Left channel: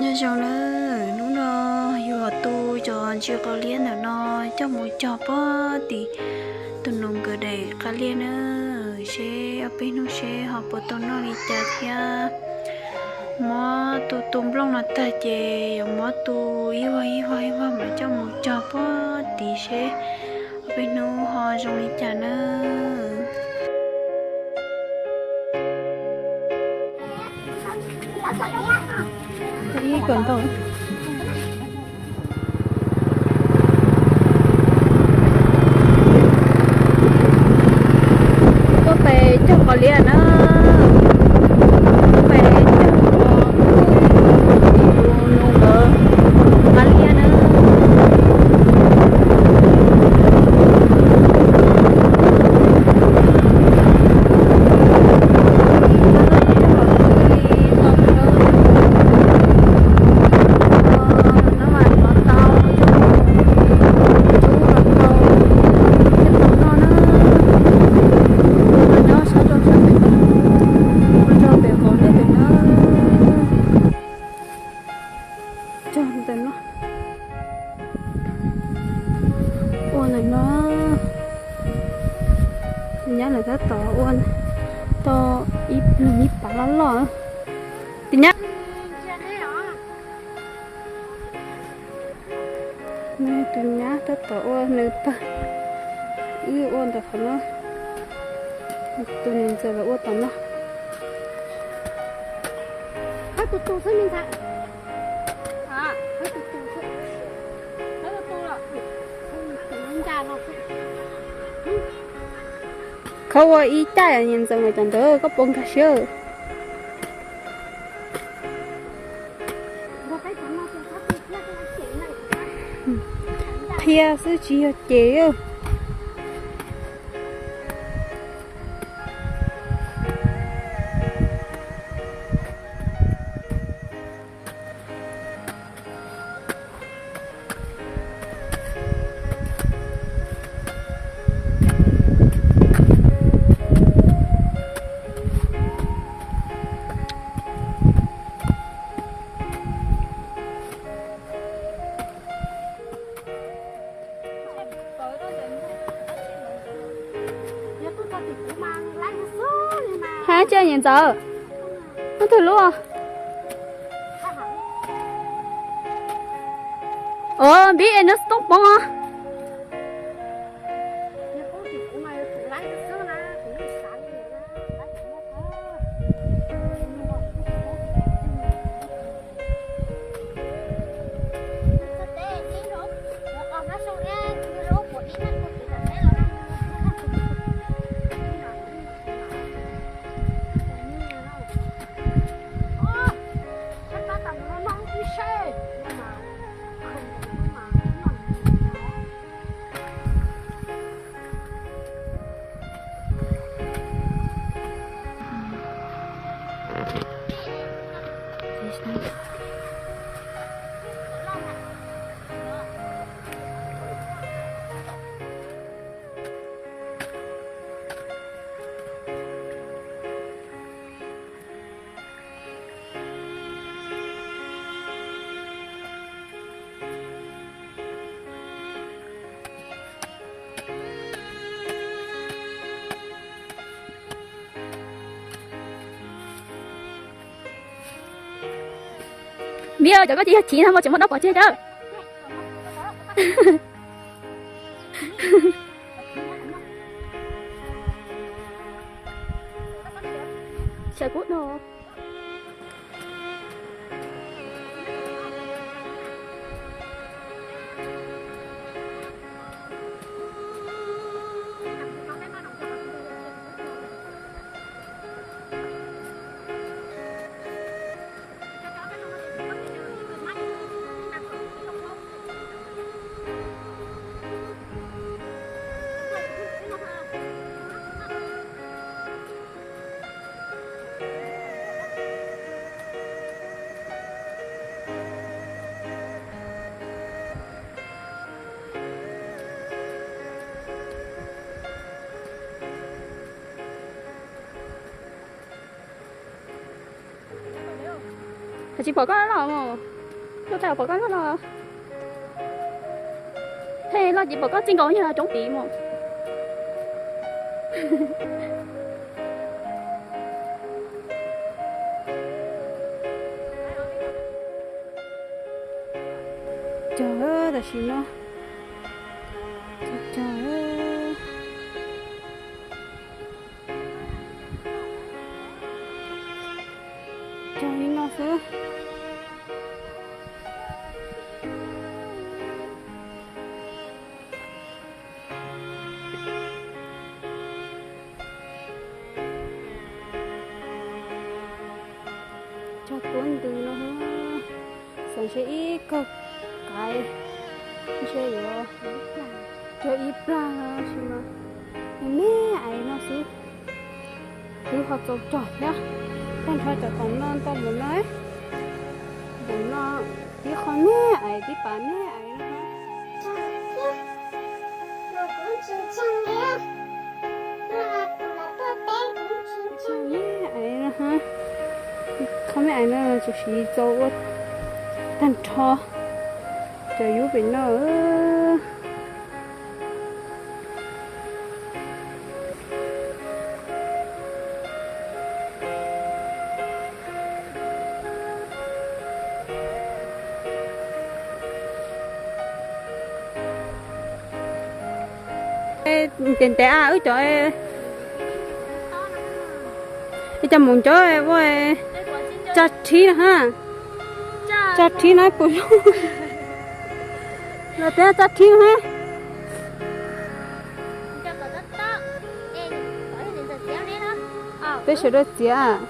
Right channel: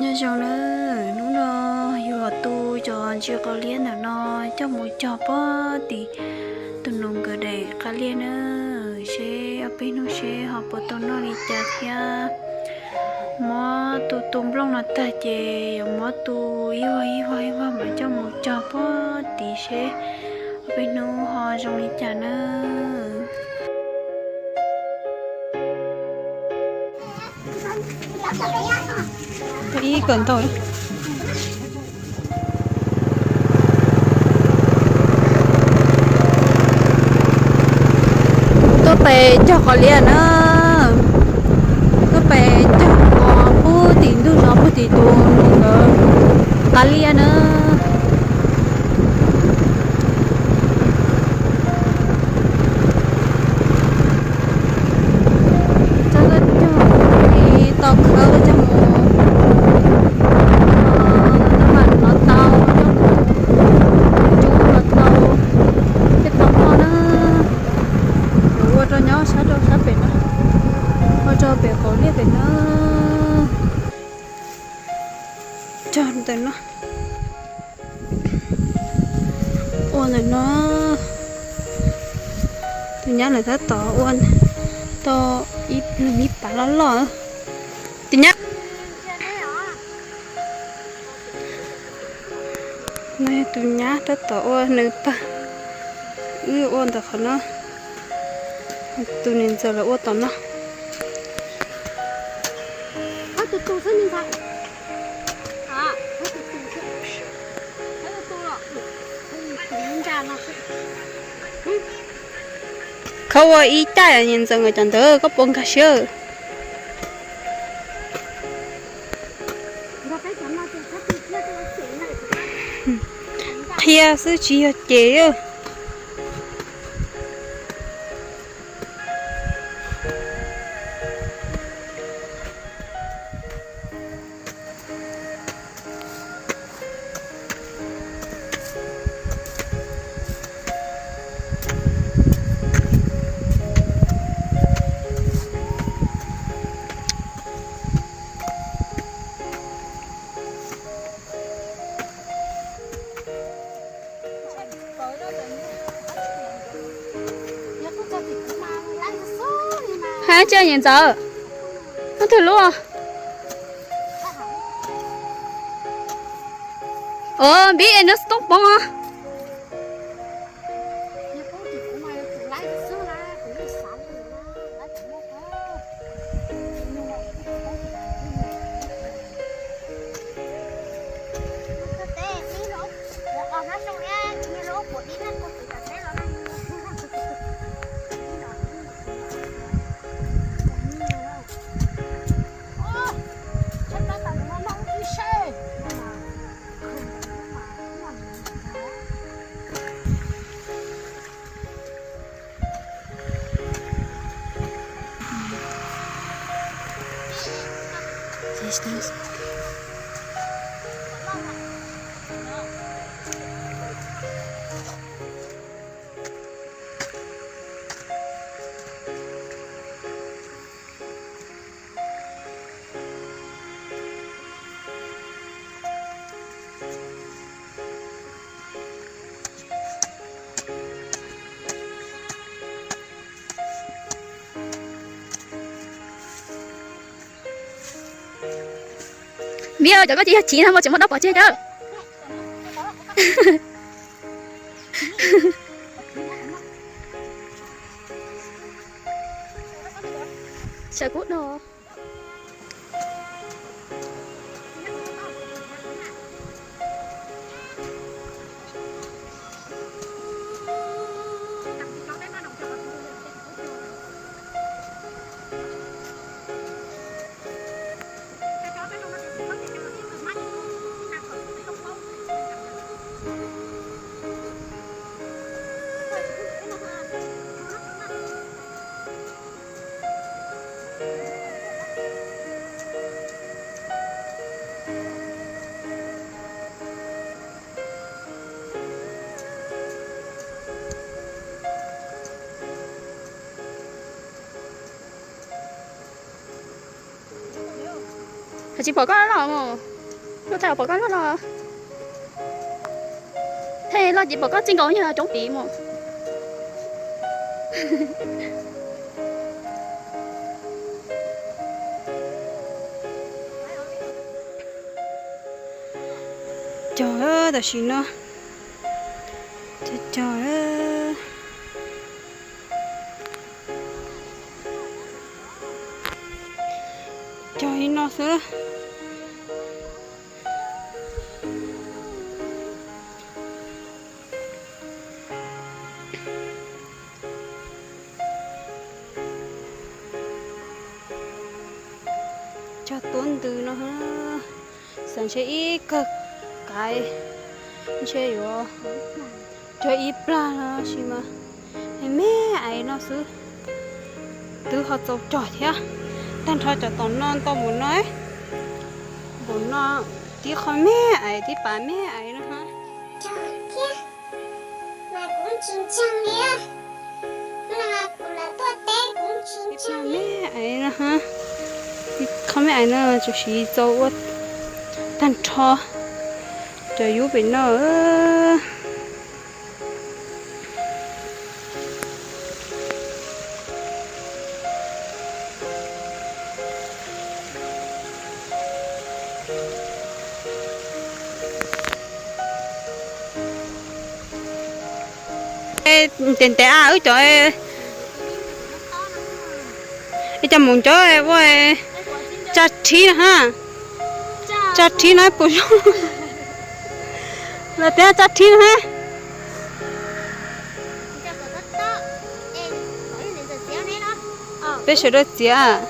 nhớ cho nó vừa tu cho chưa có liên nào nó cho một cho bó thì tụi nó cứ để cá liên nữa xe ở bên nó xe họ bắt tụi nó đi chặt ya mà tụi tụm long nó ta chè mà tụi yêu mà cho một cho bó thì xe ở bên nó họ trong đi chặt nữa ý cần thôi tôi về cho họ liền tôi về cho họ bố tiền tôi rồi bố tiền tôi nung đỡ ta liền cho tụi nó ôn này nó tôi nhớ là thất tỏ ôn to ít bà lắm lọ tôi nhớ này tôi nhớ thất tỏ ôn nữa ta ôn được nó tôi nên giờ là ôn tóm nó tôi sẽ nhìn thấy không có ý tại là nhìn rằng người chẳng tới có bông cà sơ kia sư chỉ ở chế hả chơi nhìn giờ nó thử luôn biết em nó stop bông à Здесь. Biết ơi, chẳng có chị chín không, chỉ một đốc bỏ chết đó. Sợ cút đồ. Chị bỏ con nó không? nó theo bà con nó là thế là chỉ bà con chính có như là trống tí mà trời ơi là gì nó trời ơi trời nó sữa cho tuấn từ nó sản sẽ ít cực cái chơi rồi chơi ít ra nó xí mà mẹ ấy nó xứ từ họ trâu trọi thế tan thọ cho tao non tao muốn nói muốn nó tí con mẹ ấy tí bà mẹ ấy nữa hả mà cũng chín chăng nhé mà cũng là tôi té cũng chín tí bà chăng mẹ ấy nữa hả tí con mẹ ấy nữa cho xí trâu tan thọ cho yếu bên nó tiền tệ à ơi trời ơi cho muốn cho em với cha trí nè ha cha trí nói bổ sung là té cha trí nè ha bây giờ đó chị à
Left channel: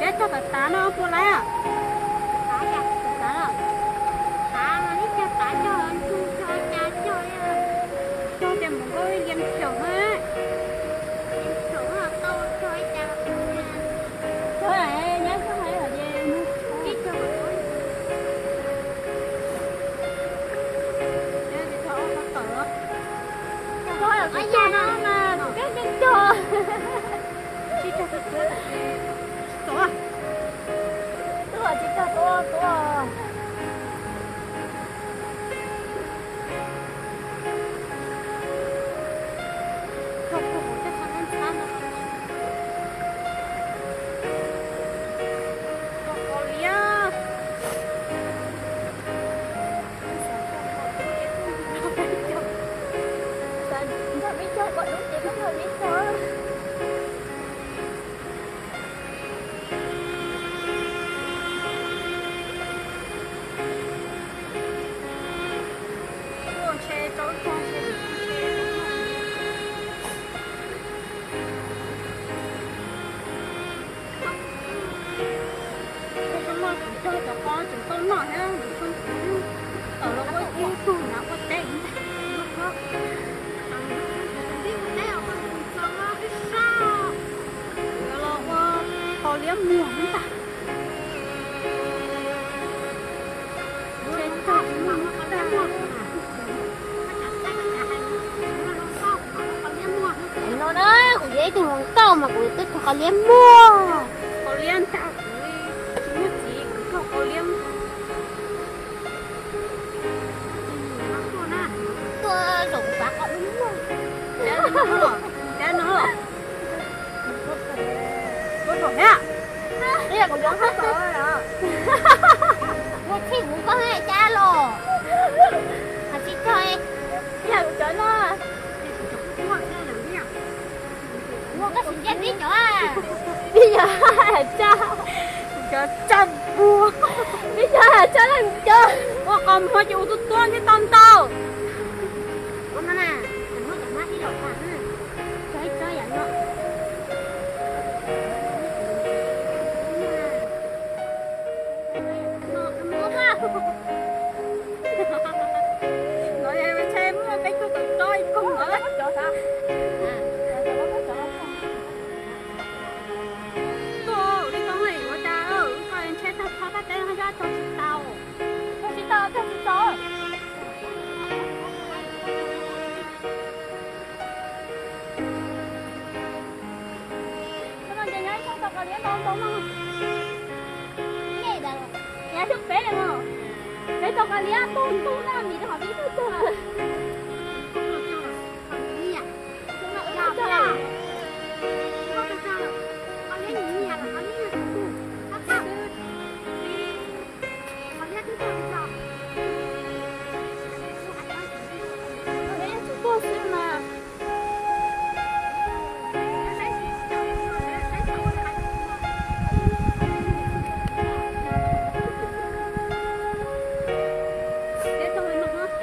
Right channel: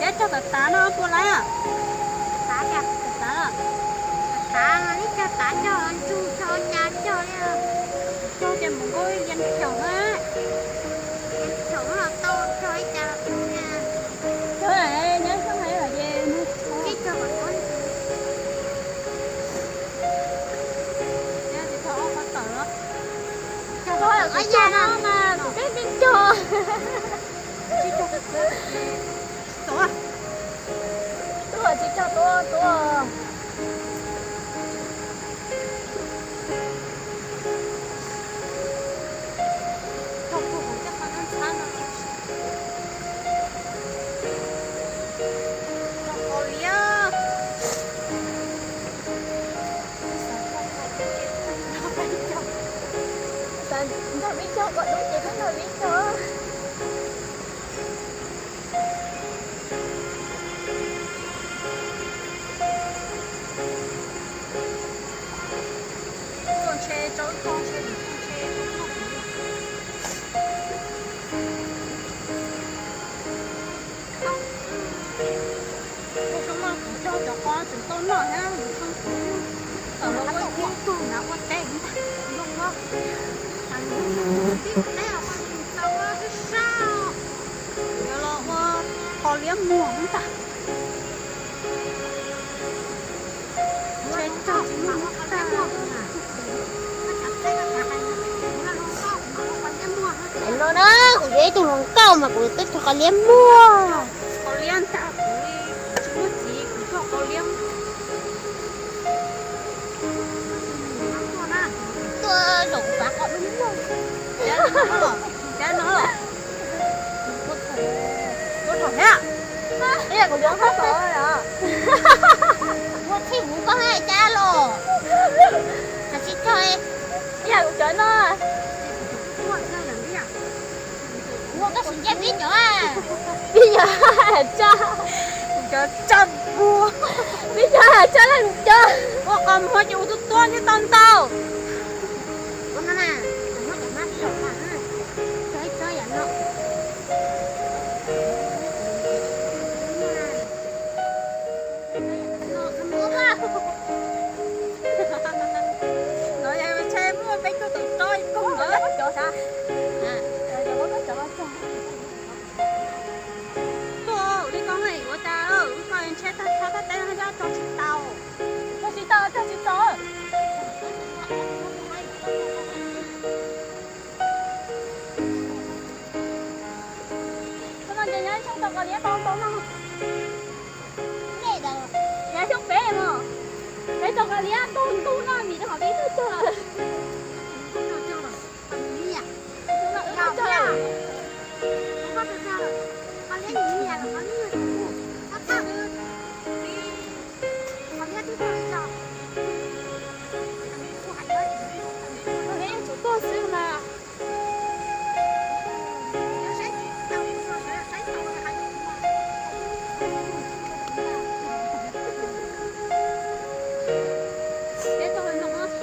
để cho tạt tá nó qua lại à tá à cho em một cái liên kiểu ha thôi này nhớ sao hay là gì để thì thôi có tờ đó thôi là cái gì đó mà cái bên chờ chỉ cho cái cửa này tổ à tổ chỉ cho tổ không có một cái khả năng sáng nào có lia con xe cháu con xe thì con xe nó mà cho con chúng tôi nói ha mình không cũng ở lâu quay kia tôi đã có tiền lúc đó thằng biết thế à con sao á thế sao giờ lo qua họ liếm mua không ta chơi cho chúng nó ta mua nó đó của dễ tình huống cao mà của tôi cho cả liếm mua họ liếm ta chúng nó chỉ cho họ liếm tôi tổng bạc họ đúng không để nó rồi có thổi á bây giờ còn muốn hết rồi à một thì muốn có hai cha lò hả chị chơi bây giờ cũng chở nó mua cái gì chết đi chỗ à bây giờ là cha cho chăm bùa bây giờ là cha làm chơi có cầm hoa chịu tôi toan như con tao con nó nè nó cả mắt đi đổ phản nè chơi chơi vậy nó 车他等下要坐起到，坐起到，坐起到。Con nhìn thấy trong tộc là nhé tao tao nó nghe đâu, nhé trong bé mà thấy tộc là nhé tôn tu nó gì đó họ biết hết trơn rồi không cho cho rồi, còn gì à? chúng nó Làm ướt à? trơn Không cho cho rồi, con lấy gì à? Con lấy gì à? Con sao? Đi, con lấy cái con sao? con bé chủ cô xưa mà để tôi nó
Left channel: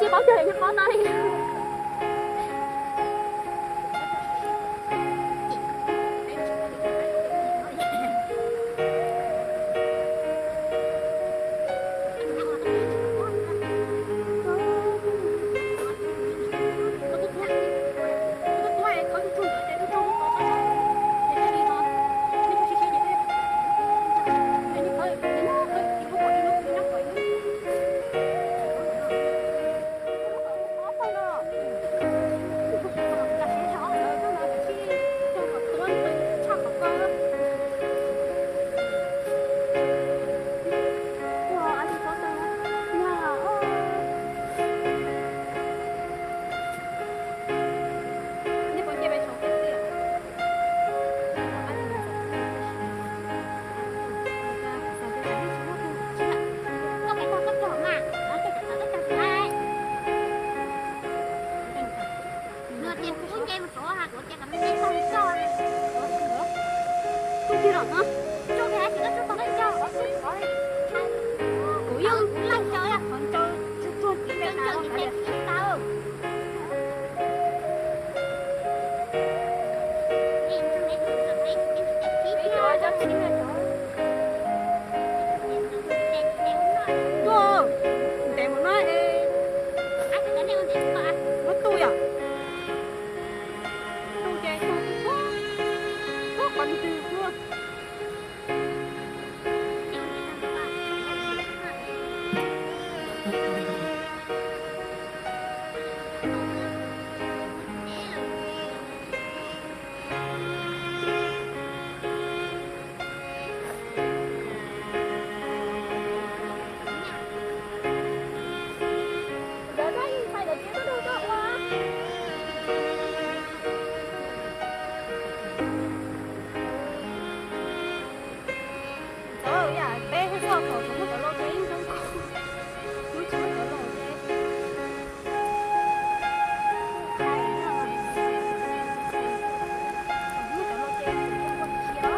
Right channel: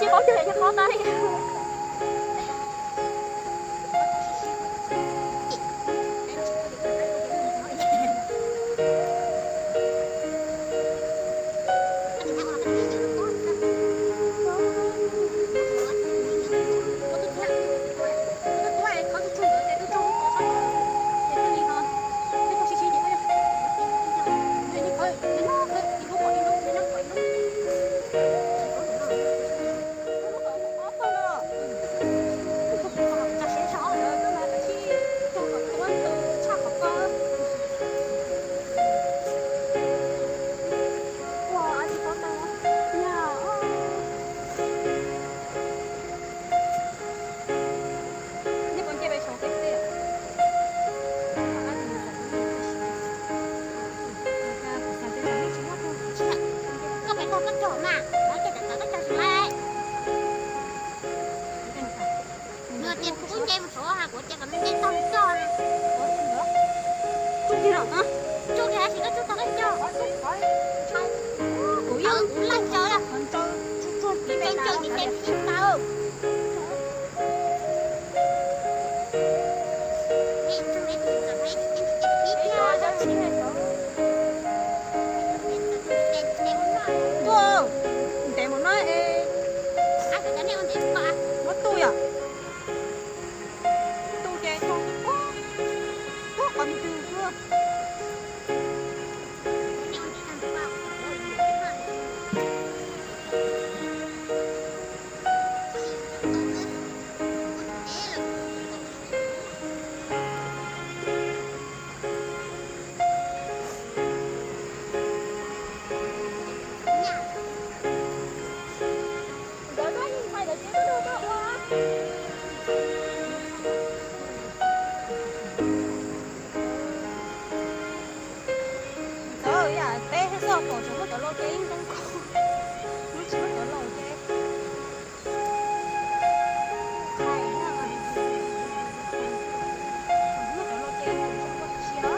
chỉ bảo vệ cho con đây kia rồi hả? Chú thì chỉ có chú tao cho. Ủa yêu Lăn chơi à? còn cho chút đi về nào Chơi cả thì đẹp. đẹp tao. Tua, để một nói mất tôi à? Tôi chơi tôi có còn từ chưa? Trời ơi, bé hết sao còn chúng nó cho lo chơi không có. Nó chỉ có cho lo chơi. Hay đó. Nó cho lo chơi không có chi đó.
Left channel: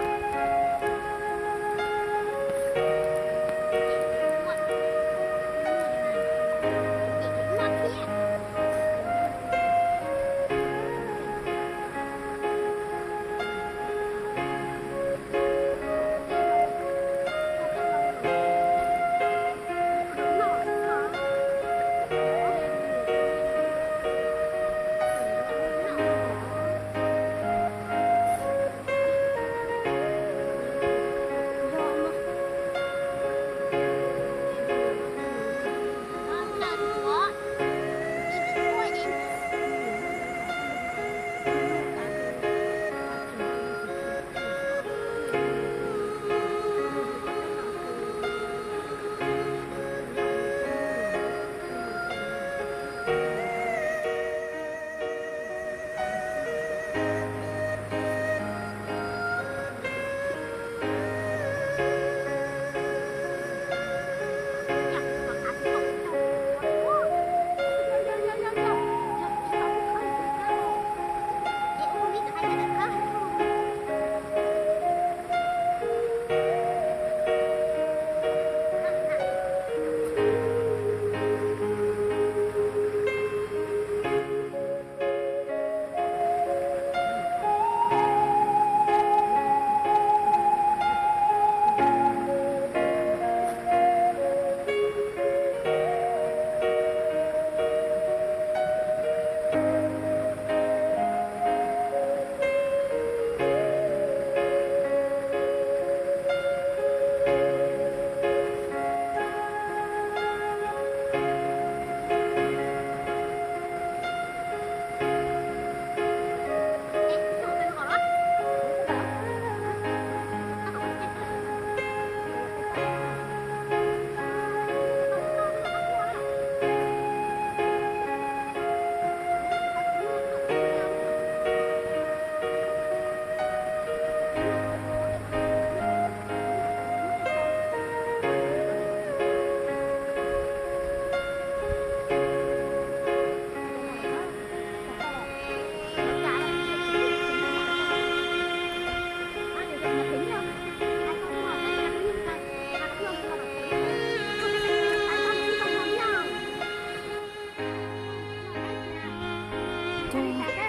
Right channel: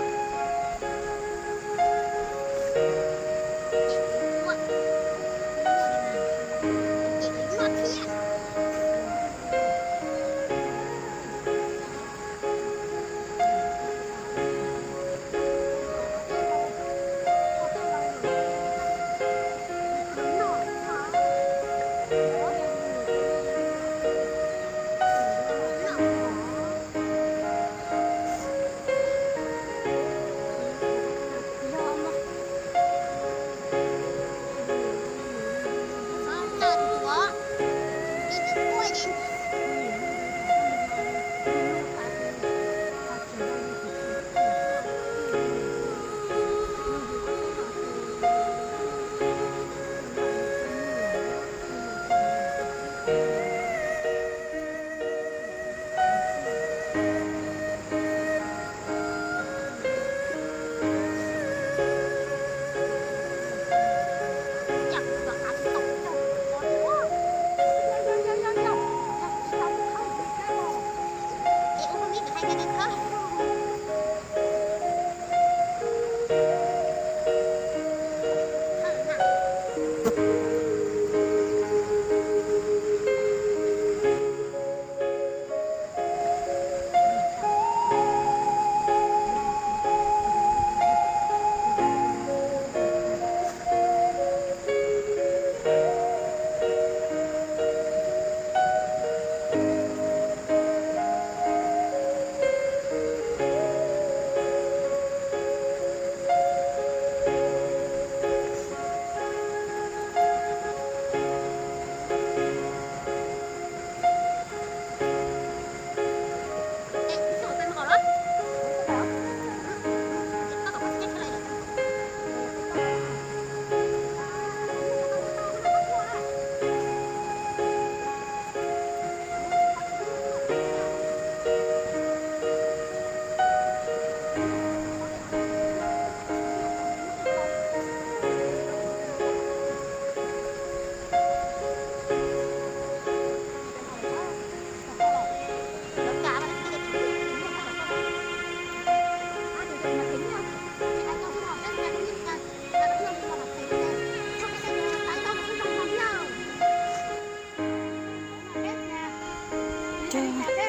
cho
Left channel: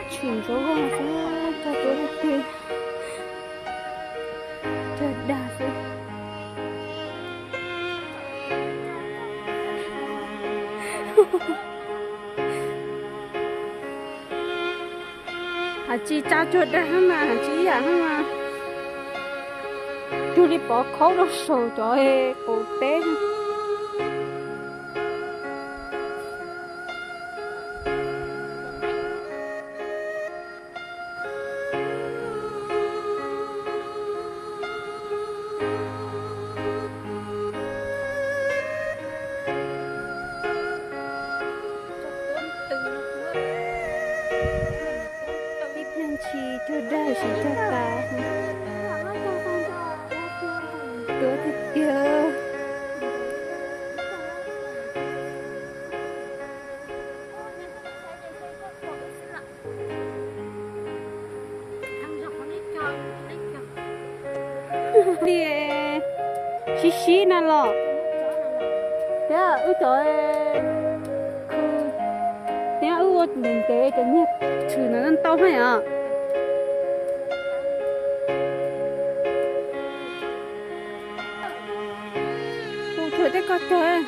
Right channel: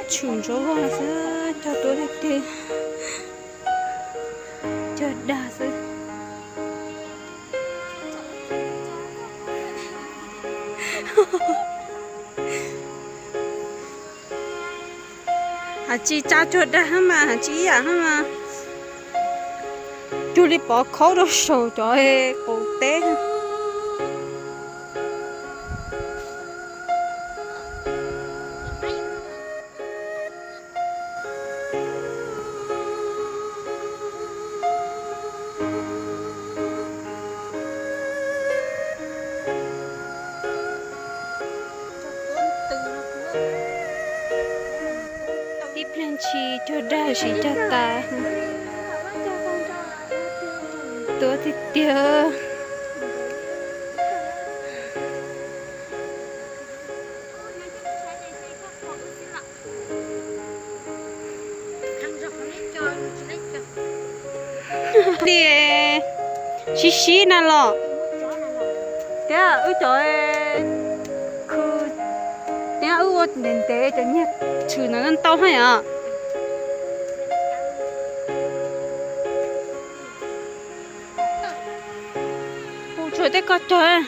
chừng chỗ hoa sẽ cho tôi đi tiền cho đa sự hả chị cha cho đa mà hả chị à mà chú đi bỏ khó đâu sầu cho em cổ té tiếp lên chi cho đa chỉ cho ta tôi thì tiêu đi xí xí nè lọ thế à trời cứ thế ở đến thế cho nhé chữ nó ăn tao hay à trời thế có trời